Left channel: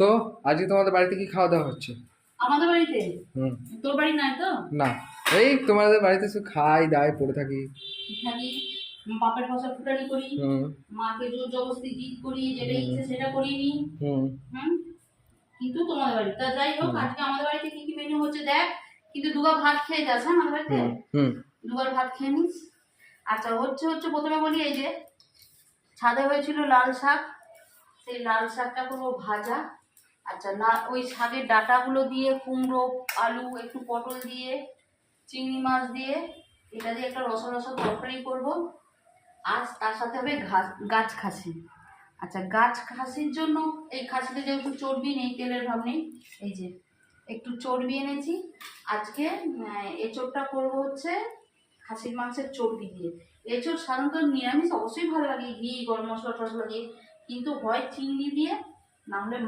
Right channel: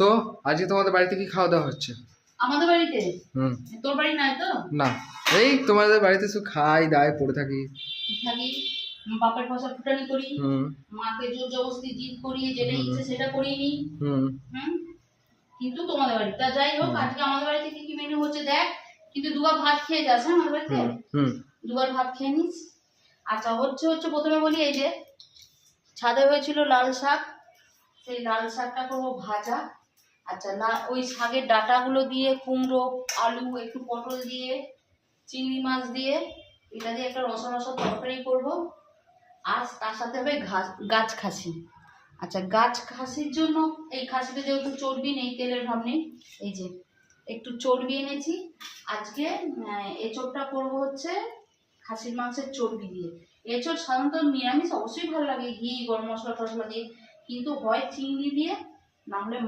তো আজকে তোমাদের বাড়িতে কি খাওয়া দাওয়া হচ্ছে? আমাদের বাড়িতে? হুম। তোর বাড়ি নাই তো? না, এই তোমাদের বাড়িতে শুধু খাই দাই পড়ে থাকি। থাকি, বাপের ফসল ফুটানি করি, হুম মাকে জোর জবরদস্তি জিদ করিয়ে যেটা হুম ইচ্ছে সেটা করিয়ে নি। হুম হুম। কিন্তু তোমাদের বাড়ি তা যাই হোক, হুম আজকে আমাদের বাড়িতে কি কি মেনু হচ্ছে দেখ। কিন্তু দুবার ভাত খেয়ে যাস, হ্যাঁ, আমাদের বাড়িতে হুম হুম দুবার ভাত খেয়ে নিস। আচ্ছা, হচ্ছে হচ্ছে প্রথমে বলি, এই যে ছাদে হয়েছিল লাল শাক, সেই লাল শাকটা করবো ভাজা। আচ্ছা, ওই শাকের ডাঁটাগুলো দিয়ে কুমড়ো, আলু, একটু পটল দিয়ে, চিংড়ি মাছ দিয়ে, এটা দিয়ে একটা রসা রসা তরকারি করবো। আর তার সাথে হবে গাছ খাসি। আচ্ছা, গাছ খাসির জন্য এই খাসিতে যেহেতু চর্বি নেই, তেলের ভাব নেই, এই যে একটু চর্বি এনেছি আজকে। এঁচোড়টা করবো হচ্ছে খাসির মাংসের চর্বি দিয়ে। এঁচোড় সাধারণত নিরামিষ অবশ্যই ভালো লাগে, ঘি গরম মশলা টসলা দিয়ে, কিন্তু হয় চিংড়ি দিয়ে, না হলে